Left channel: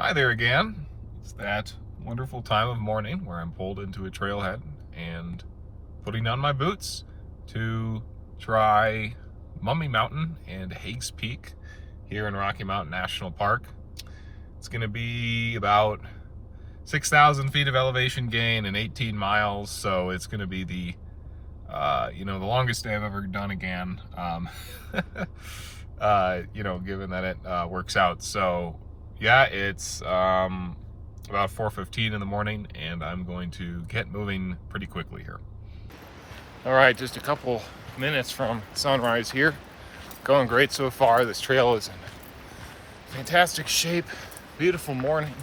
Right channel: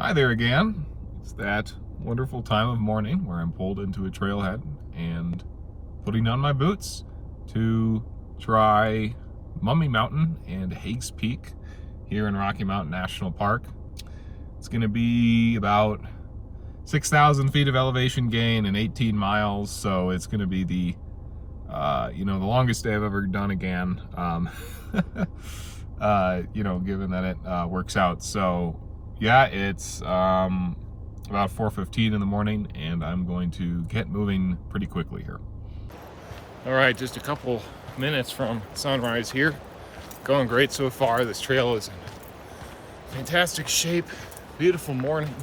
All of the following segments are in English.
Hi there again. It's that wonderful time of morning where I'm pulled into a trailhead and putting on my boots to try Mummy Mountain and Hagues Peak here in Rocky Mountain National Park. It's going to be about 6,000 feet of elevation gain and 18 miles, so it's going to be the the longest day I've ever done again. Given that it works out. So yeah, it's about 4:15 in the morning, and I'm going to get moving pretty quickly here. All right, just a couple minutes from sunrise here. Going great so far. This trail is in fantastic shape. Beautiful morning,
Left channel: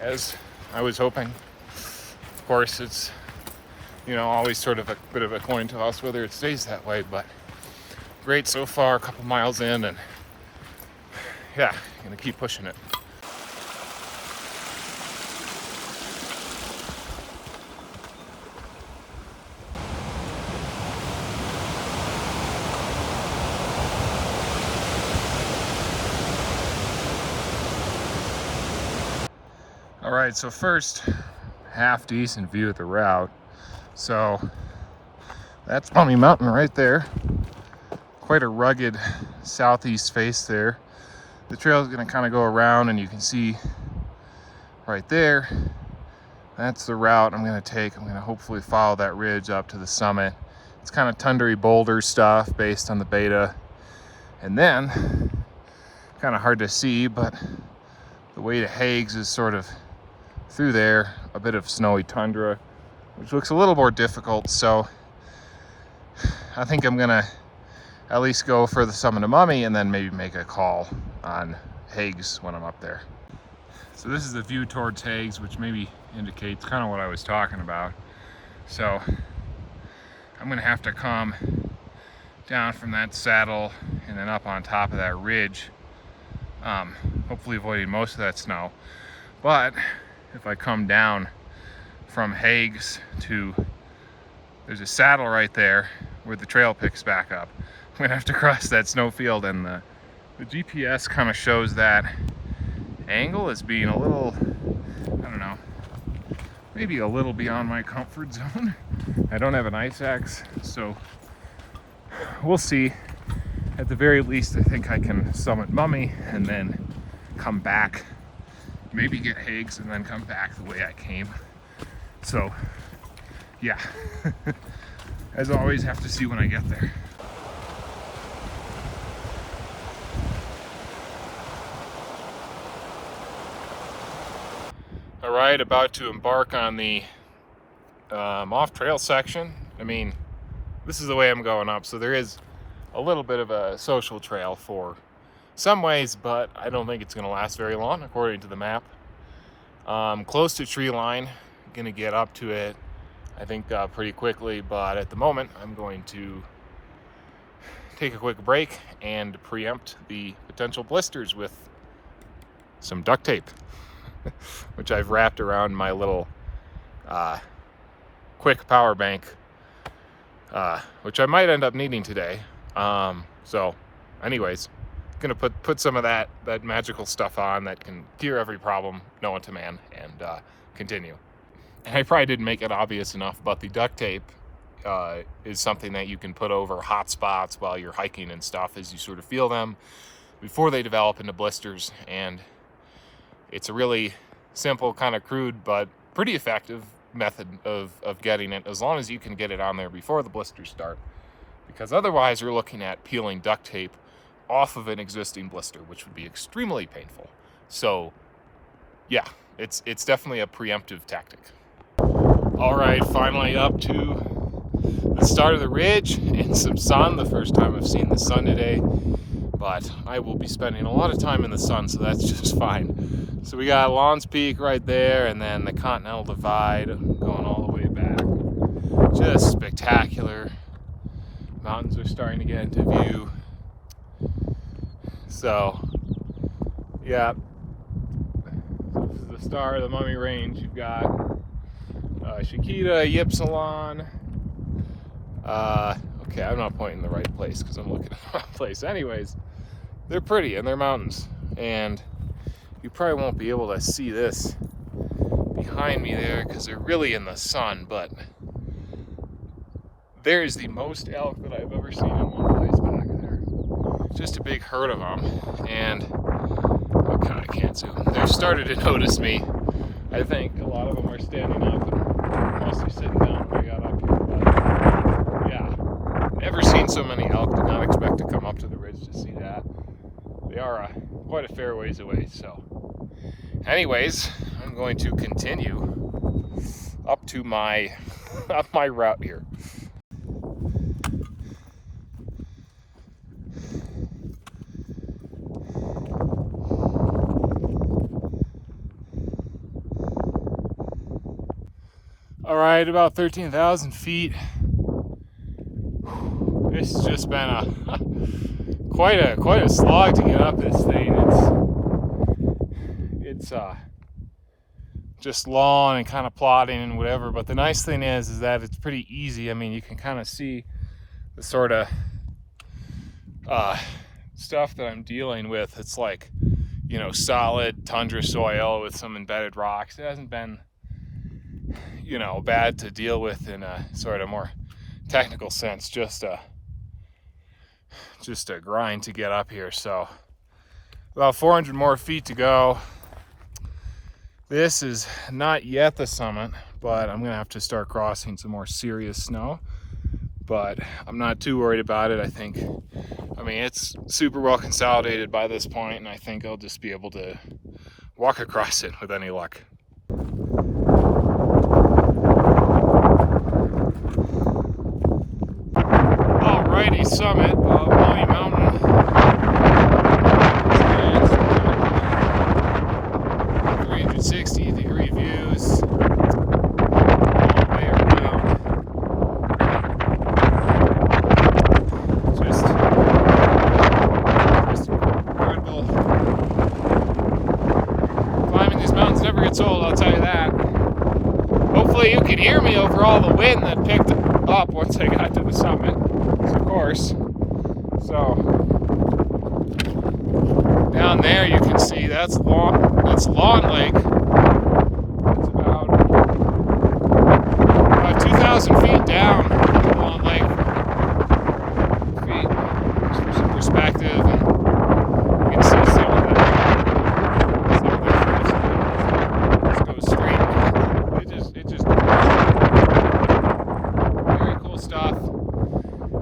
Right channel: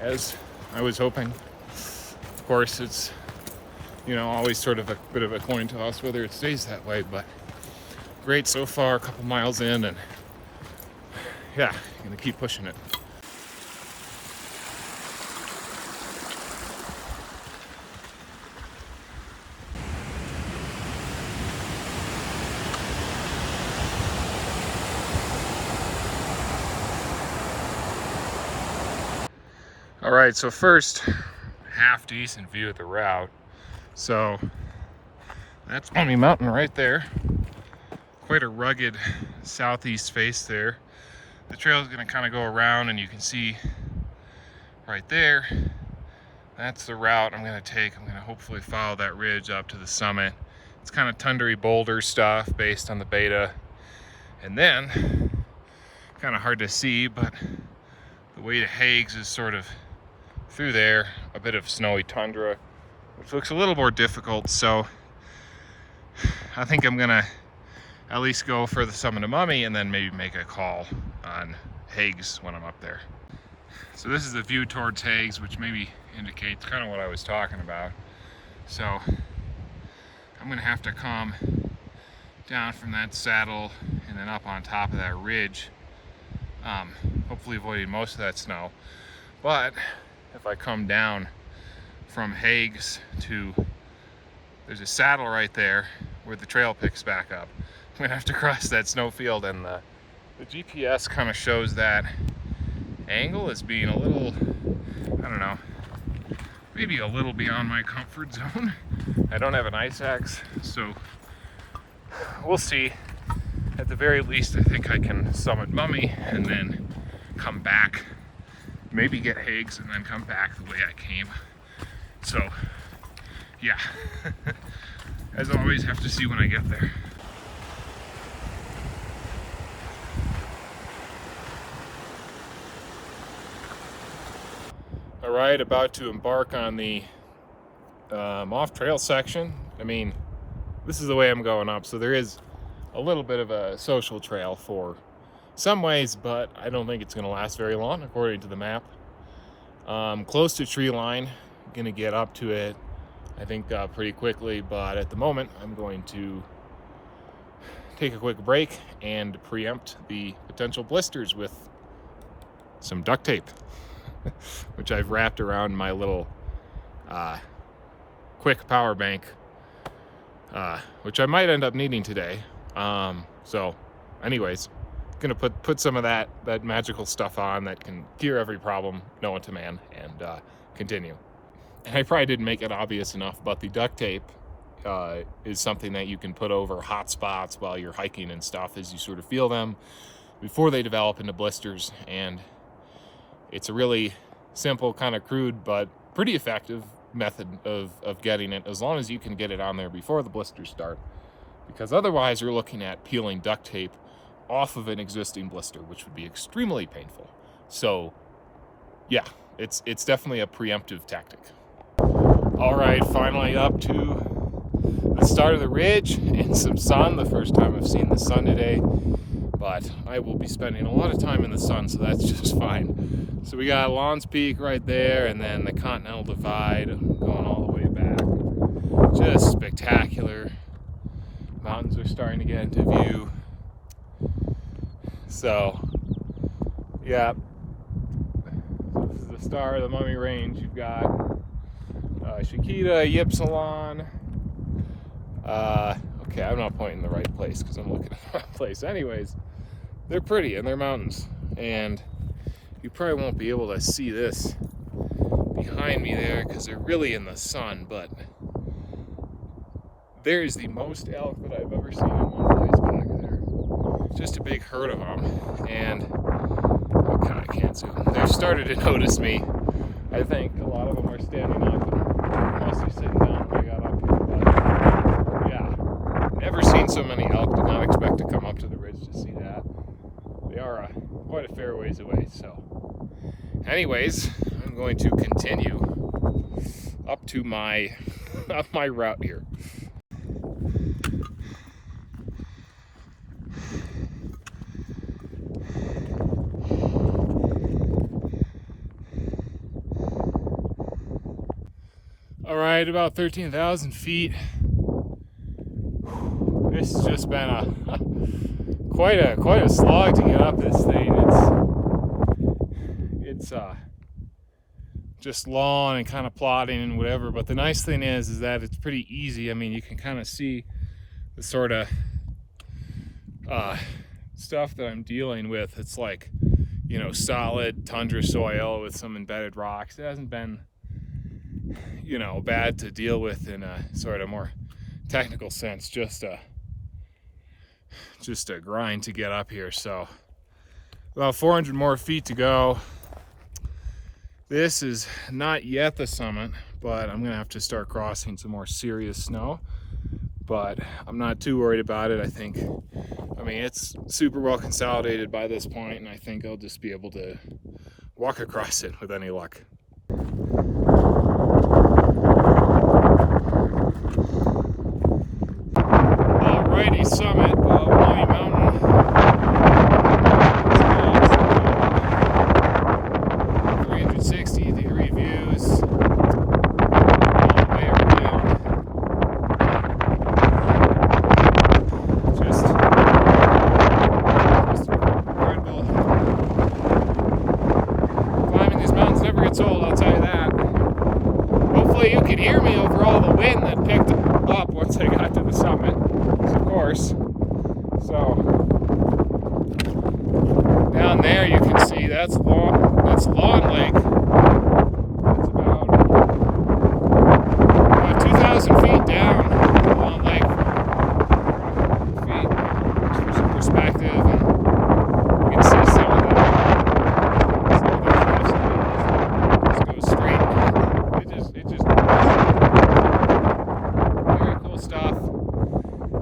as I was hoping. Of course, it's always sort of a bit of a coin toss whether it stays that way, but great so far. A couple miles in, and yeah, gonna keep pushing it. All right, so first, half decent view of the route. So that's Mummy Mountain right there. Quite a rugged southeast face there. The trail is going to kind of go around, and you can see right there, that's the route I'm going to take. I'm going to hopefully follow that ridge up to the summit. It's kind of tundra boulder stuff based on the beta. And then, kind of hard to see, but the way to Hagues is sort of through there, a bit of snowy tundra. It looks a little more difficult, so I think I'm gonna at least go for the summit of Mummy and then maybe make a call on Hagues when I'm up there. So this is the view towards Hagues, which maybe indicates kind of what I was talking about. So I'm gonna have to come down from that saddle and then up on top of that ridge, hopefully avoiding most of that snow. But if I come down from Hagues to, there's a saddle right there where the trail picks back up. I'm gonna have to cross that snow field, and the GPS kind of shows that angle as being a little, I don't know, maybe a little beyond my comfort zone. I don't have an ice axe, so we'll see. At the very least, I think I can summit Mummy and then come back, maybe get Hagues and then come back the way I came. So yeah, as always, have to see when I get there. All right, about to embark on the off-trail section. I mean, this is the way I'm going up, so there is a little bit of a social trail for some ways, but I don't think it's going to last very long according to the map. Close to tree line, gonna get up to it I think pretty quickly, but at the moment I'm going to take a quick break and preempt the potential blisters with some duct tape which I've wrapped around my little quick power bank, which I might end up needing today. So anyways, gonna put some of that magical stuff on that can cure every problem known to man, and continue. And I probably didn't make it obvious enough, but the duct tape is something that you can put over hot spots while you're hiking and stuff, as you sort of feel them before they develop into blisters. And it's a really simple, kind of crude, but pretty effective method of getting it, as long as you can get it on there before the blisters start, because otherwise you're looking at peeling duct tape off of an existing blister, which would be extremely painful. So yeah, it's definitely a preemptive tactic. All right, finally up to the start of the ridge and some sun. The first time I've seen the sun today, but I will be spending a lot of time in the sun, so that's just fine. So we got Lawns Peak right there, and then the Continental Divide going all the way back. Just spectacular. Mountains are starting to get into view. So yeah, this is the start of the Mummy Range. You've got Chiquita, Ypsilon. Okay, I'm not pointing in the right place because I'm looking at the wrong place. Anyways, they're pretty and they're mountains, and You probably won't be able to see this behind me there because they're really in the sun, but there's the most elk that I've ever seen in one place back there. Just a big herd of them, and okay, I can't zoom. They've started to notice me. I think a lot of them are standing up and mostly sitting down when we got up here, but yeah, never seen so many elk. Did not expect to come up to the ridge to see that. They are quite a fair ways away, so anyways, I'm going to continue up to my route here. All right, about 13,000 feet. This has just been quite a slog to get up this thing. It's just long and kind of plodding and whatever. But the nice thing is that it's pretty easy. I mean, you can kind of see the sort of stuff that I'm dealing with. It's like, you know, solid tundra soil with some embedded rocks. It hasn't been, you know, bad to deal with in a sort of more technical sense. Just a grind to get up here. So about 400 more feet to go. This is not yet the summit, but I'm gonna have to start crossing some more serious snow. But I'm not too worried about it. I mean, it's super well consolidated by this point, and I think I'll just be able to walk across it with any luck. Alrighty, summit of Lonnie Mountain. 360-degree views all the way around. Just incredible. Climbing these mountains never gets old, I'll tell you that. Hopefully you can hear me over all the wind that picked up once I got to the summit. Of course. So down there you can see that's Lawn Lake. It's about 2,000 feet down Lawn Lake from feet. Just for some perspective, and you can see some of the cliffs. Just goes straight. It just very cool stuff.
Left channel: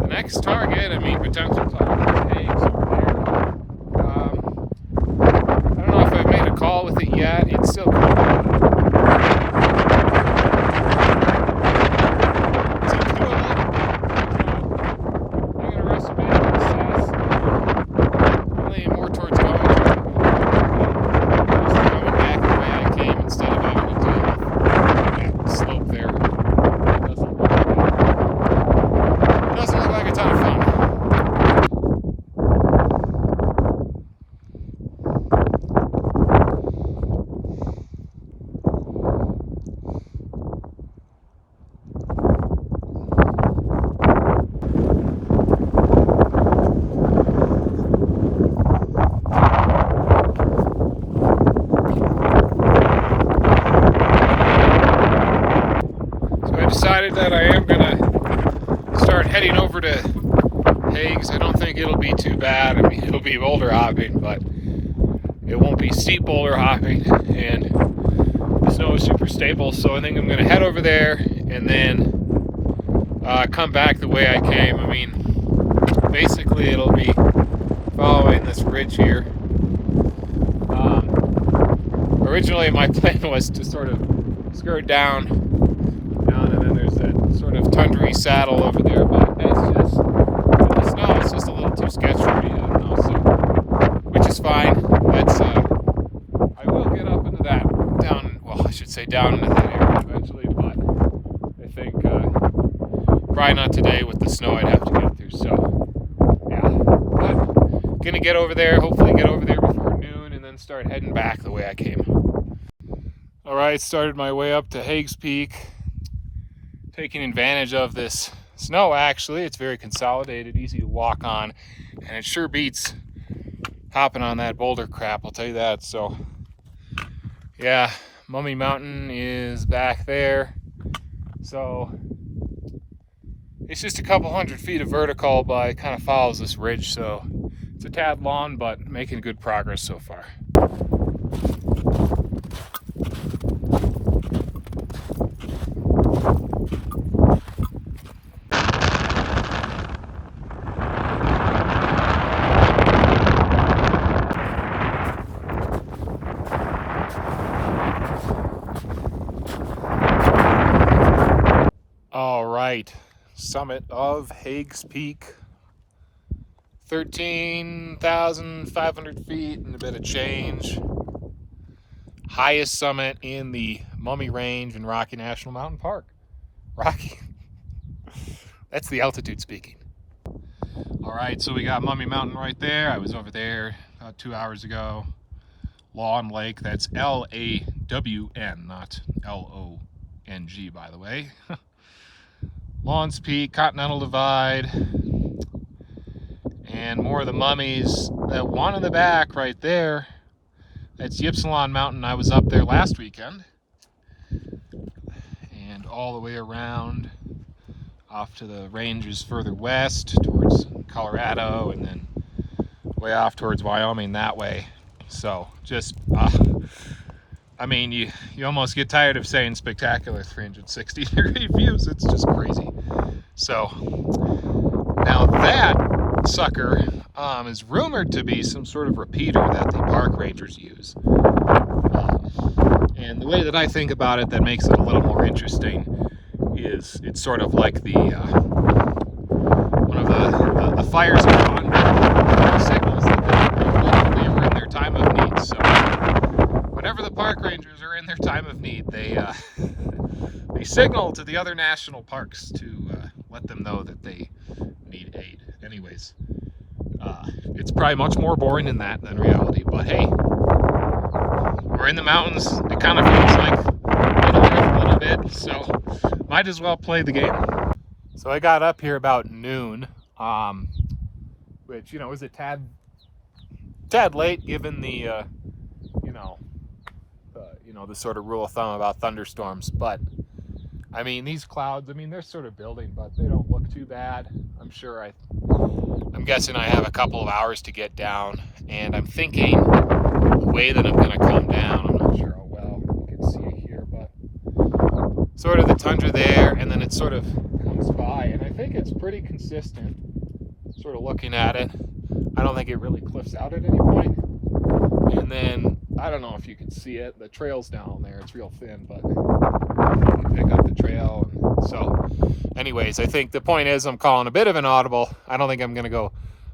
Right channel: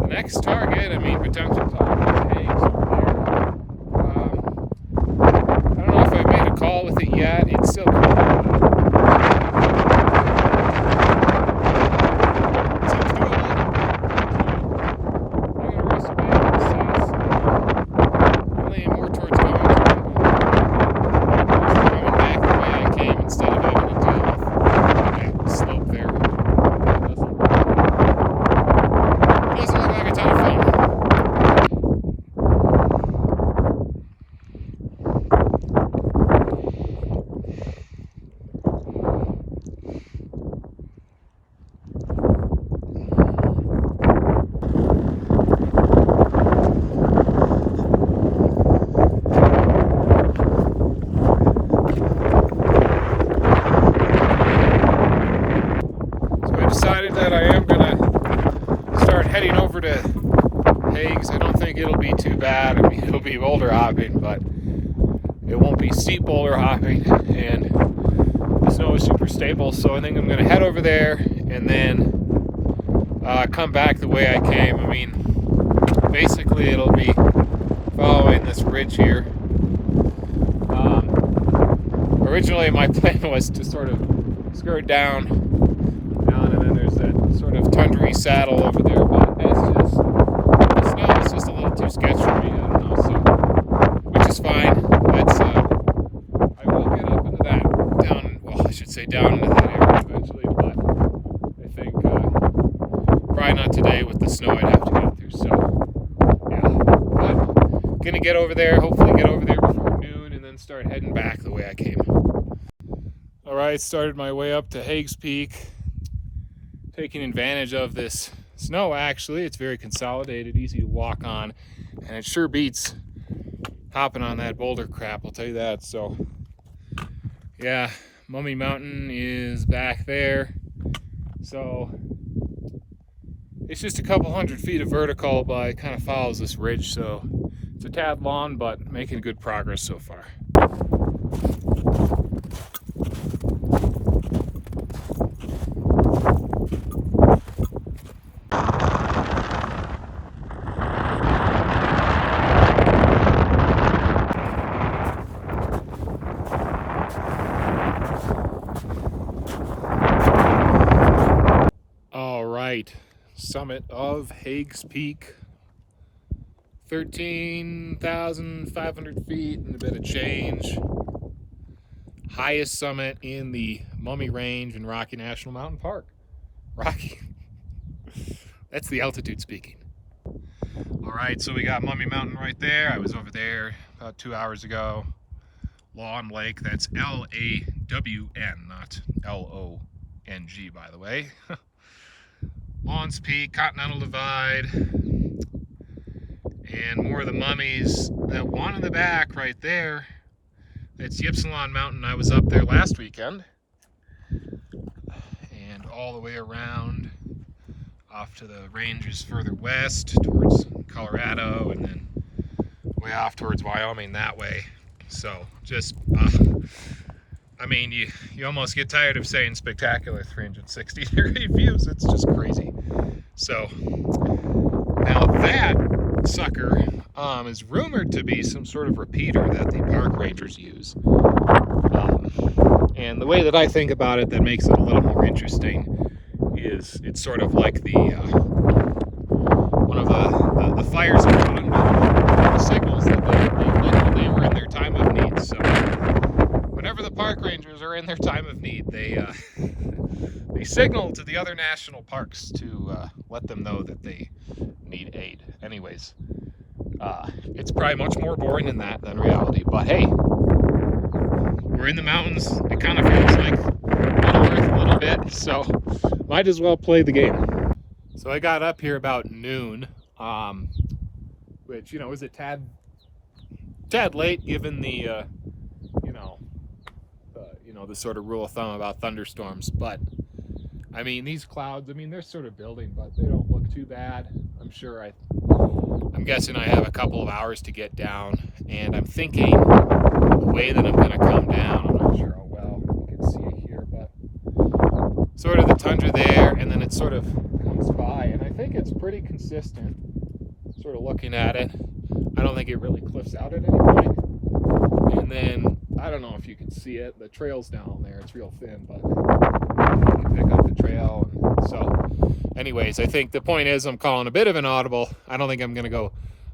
The next target, I mean, potential target is Hagues over there. I don't know if I've made a call with it yet. It's still coming. It's up to it. I'm going to race a bit. I'm leaning more towards going back the way I came instead of having to deal with that slope there. Doesn't look like a ton of fun. So I decided that I am going to start heading over to Hagues. I don't think it'll be too bad. I mean, it'll be boulder hopping, but it won't be steep boulder hopping, and the snow is super stable. So I think I'm going to head over there and then come back the way I came. I mean, basically it'll be following this ridge here. Originally my plan was to sort of skirt down, and then there's that sort of tundra saddle over there, but that's just, the snow is just a little too sketchy for me, I don't know, so, which is fine. That's, I will get up into that, down into that area eventually, but I think, probably not today with the snow I'd have to get through, so, yeah, but, gonna get over there, hopefully get over there before noon, and then start heading back the way I came. Alright, started my way up to Hagues Peak, taking advantage of this snow. Actually, it's very consolidated, easy to walk on, and it sure beats hopping on that boulder crap, I'll tell you that. So Yeah, Mummy Mountain is back there. So it's just a couple hundred feet of vertical, but it kind of follows this ridge. So it's a tad long, but making good progress so far. All right, summit of Hagues Peak, 13,500 feet and a bit of change. Highest summit in the Mummy Range in Rocky National Mountain Park. Rocky, that's the altitude speaking. All right, so we got Mummy Mountain right there. I was over there about 2 hours ago. Lawn Lake, that's L-A-W-N, not L-O-N-G, by the way. Lawns Peak, Continental Divide, and more of the mummies. That one in the back right there, that's Ypsilon Mountain. I was up there last weekend. And all the way around off to the ranges further west towards Colorado, and then way off towards Wyoming that way. So just, I mean, you almost get tired of saying spectacular 360-degree views. It's just crazy. So now that sucker is rumored to be some sort of repeater that the park rangers use. And the way that I think about it that makes it a little more interesting is it's sort of like the one of the fires are on, the signals that they were in their time of need. So whenever the park rangers are in their time of need, they signal to the other national parks to let them know that they need aid. Anyways, it's probably much more boring in that than reality, but hey, we're in the mountains. It kind of feels like Middle-earth a little bit, so might as well play the game. So I got up here about noon, which, is a tad late given the, the sort of rule of thumb about thunderstorms. But I mean, these clouds, they're sort of building, but they don't look too bad. I'm guessing I have a couple of hours to get down, and I'm thinking the way that I'm going to come down, I'm not sure how well you can see it here, but sort of the tundra there, and then it sort of comes by, and I think it's pretty consistent, sort of looking at it. I don't think it really cliffs out at any point. And then, I don't know if you can see it, the trail's down there, it's real thin, but you can pick up the trail. And so, anyways, I think the point is I'm calling a bit of an audible. I don't think I'm going to go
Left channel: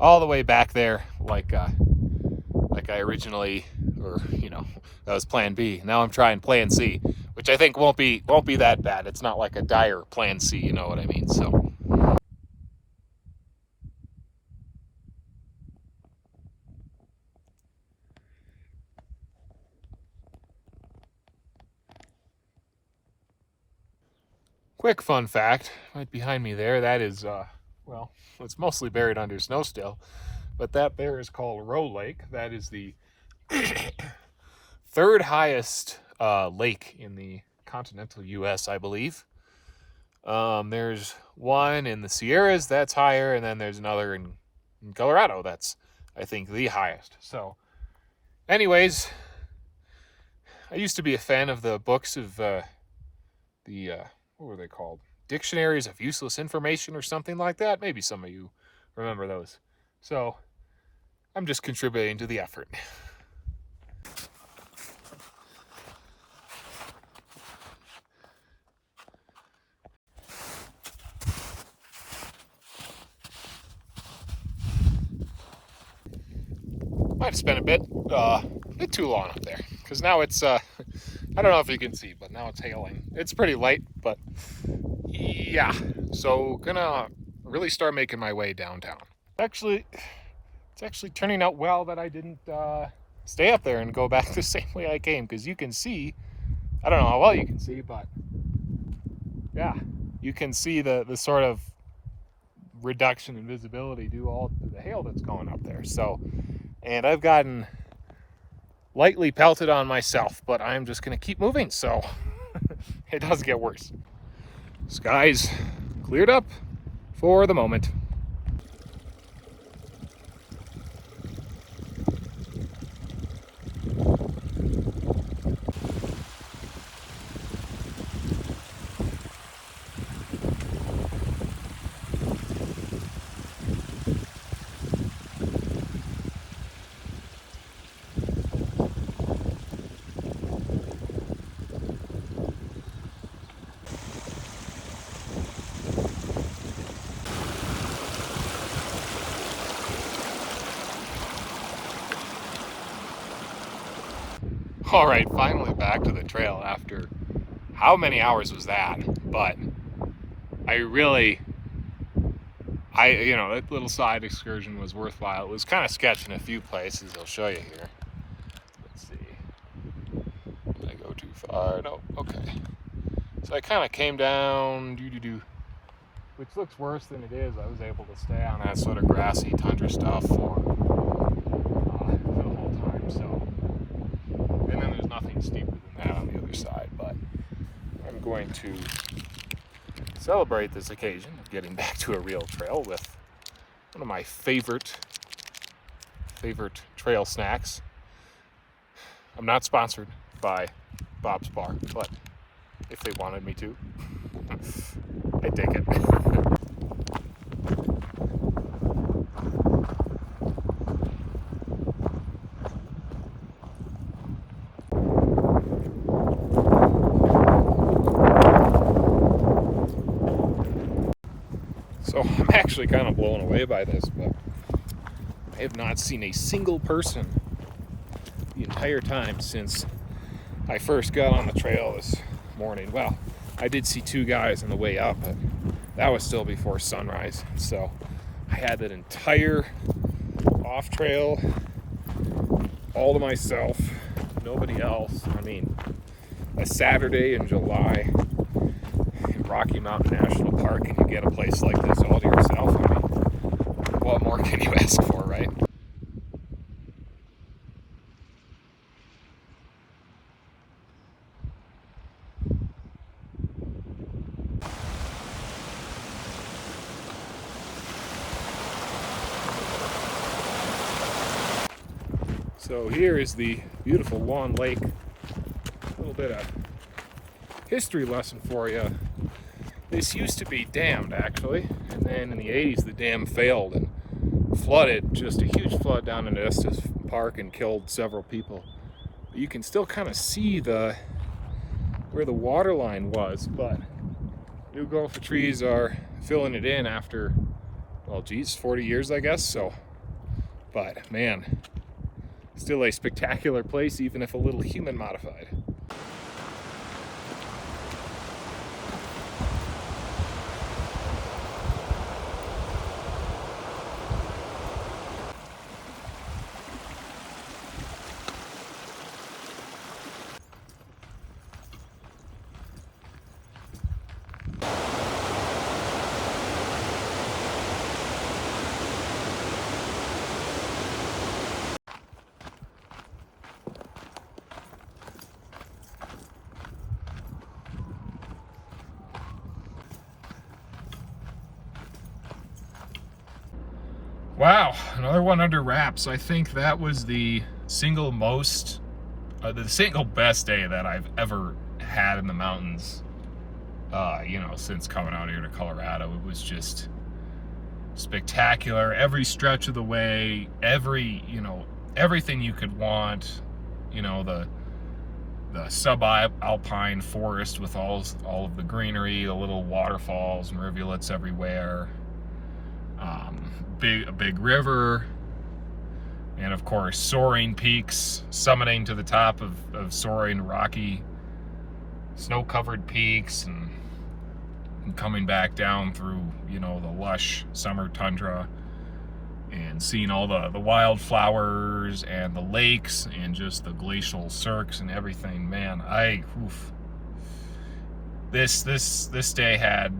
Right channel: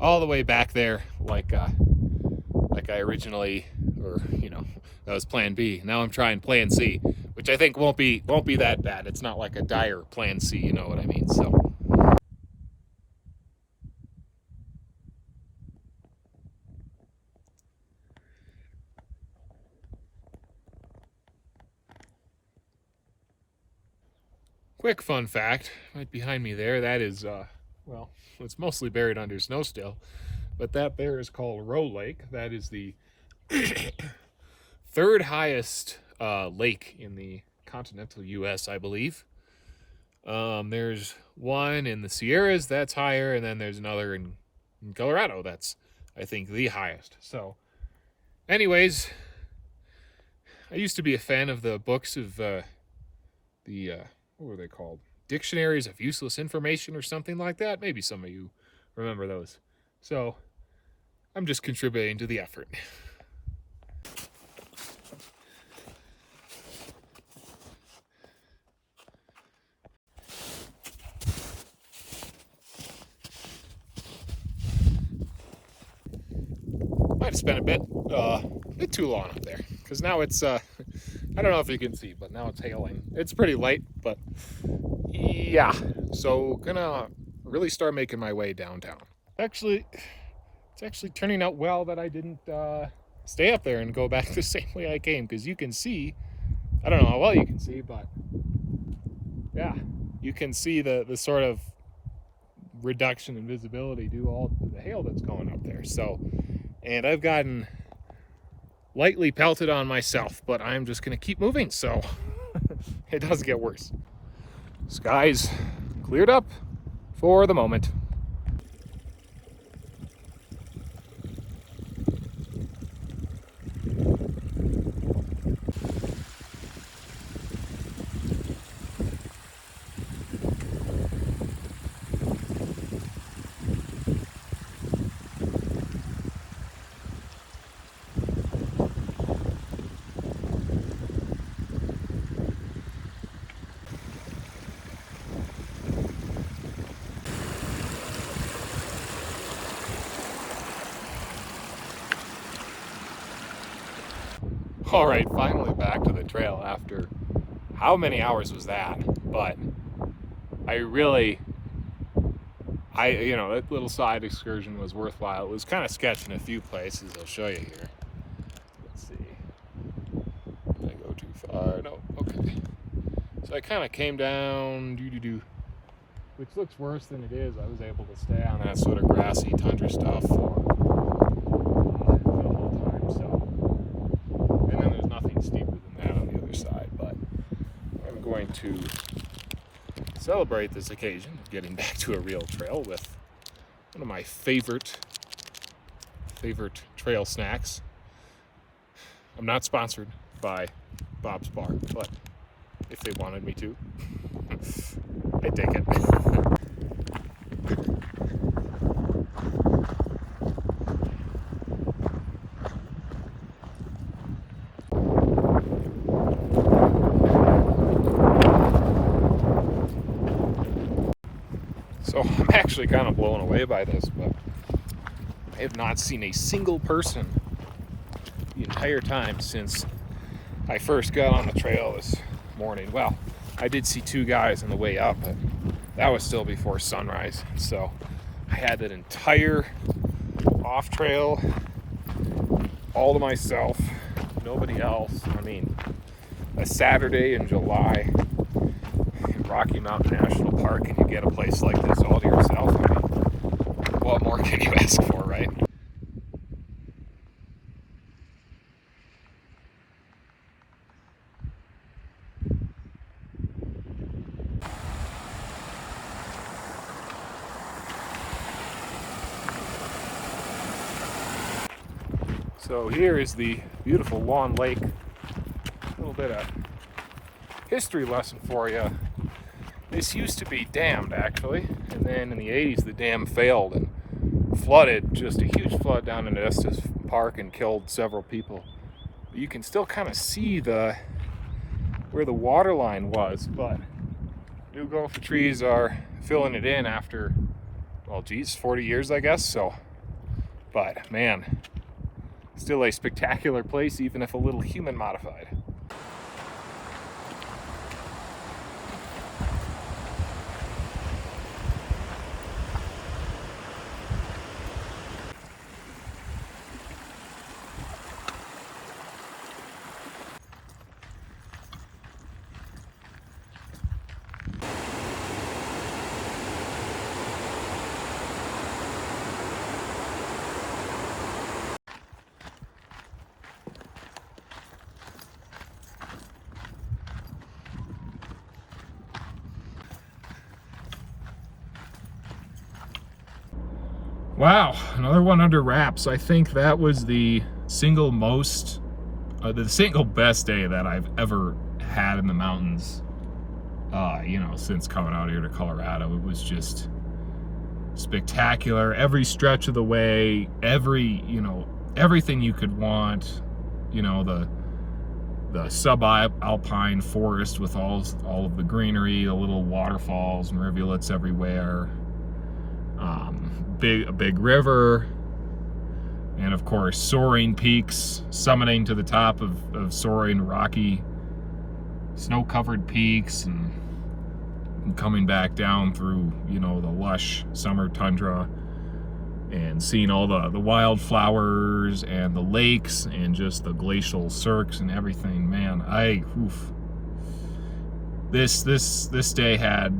all the way back there like I originally, or that was plan B. Now I'm trying plan C, which I think won't be that bad. It's not like a dire plan C, you know what I mean? So quick fun fact, right behind me there, that is well, it's mostly buried under snow still, but that there is called Roe Lake. That is the third highest lake in the continental U.S., I believe. There's one in the Sierras that's higher, and then there's another in Colorado that's, I think, the highest. So, anyways, I used to be a fan of the books of what were they called? Dictionaries of Useless Information or something like that. Maybe some of you remember those. So, I'm just contributing to the effort. Might have spent a bit too long up there, because now it's I don't know if you can see, but now it's hailing. It's pretty light, but yeah. So gonna really start making my way downtown. It's actually turning out well that I didn't stay up there and go back the same way I came, because you can see, I don't know how well you can see, but yeah, you can see the sort of reduction in visibility due all to the hail that's going up there. So, and I've gotten lightly pelted on myself, but I'm just gonna keep moving, so it does get worse. Skies cleared up for the moment. All right, finally back to the trail after how many hours was that? But that little side excursion was worthwhile. It was kind of sketchy in a few places. I'll show you here. Let's see. Did I go too far? No, okay. So I kind of came down, which looks worse than it is. I was able to stay on that sort of grassy tundra stuff for the whole time, so. And then there's nothing steeper than that on the other side, but I'm going to celebrate this occasion of getting back to a real trail with one of my favorite trail snacks. I'm not sponsored by Bob's Bar, but if they wanted me to, I take it. So I'm actually kind of blown away by this, but I have not seen a single person the entire time since I first got on the trail this morning. Well, I did see two guys on the way up, but that was still before sunrise. So I had that entire off trail all to myself, nobody else. I mean, a Saturday in July in Rocky Mountain National Park, and you get a place like this all to yourself. I mean, what more can you ask for, right? So here is the beautiful Lawn Lake. A little bit of history lesson for you. This used to be dammed, actually, and then in the 80s the dam failed and flooded, just a huge flood down in Estes Park, and killed several people. But you can still kind of see where the water line was, but new gopher trees are filling it in after, well, geez, 40 years, I guess. So, but man, still a spectacular place, even if a little human modified. Wow, another one under wraps. I think that was the single best day that I've ever had in the mountains, since coming out here to Colorado. It was just spectacular. Every stretch of the way, everything you could want, the subalpine forest with all of the greenery, the little waterfalls and rivulets everywhere. A big river, and of course soaring peaks, summiting to the top of soaring rocky snow-covered peaks, and coming back down through the lush summer tundra, and seeing all the wildflowers and the lakes and just the glacial cirques and everything. Man, this day had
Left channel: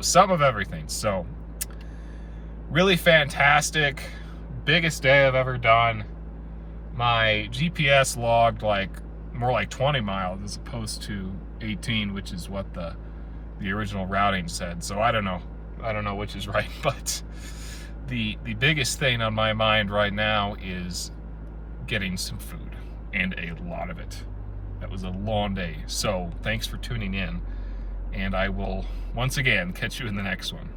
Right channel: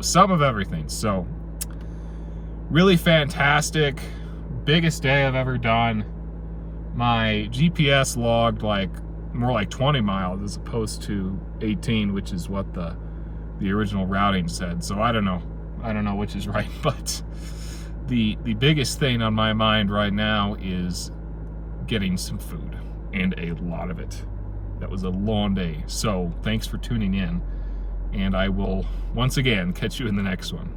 some of everything. So really fantastic, biggest day I've ever done. my GPS logged like more like 20 miles as opposed to 18, which is what the original routing said. So I don't know which is right, but the biggest thing on my mind right now is getting some food, and a lot of it. That was a long day. So thanks for tuning in, and I will once again catch you in the next one.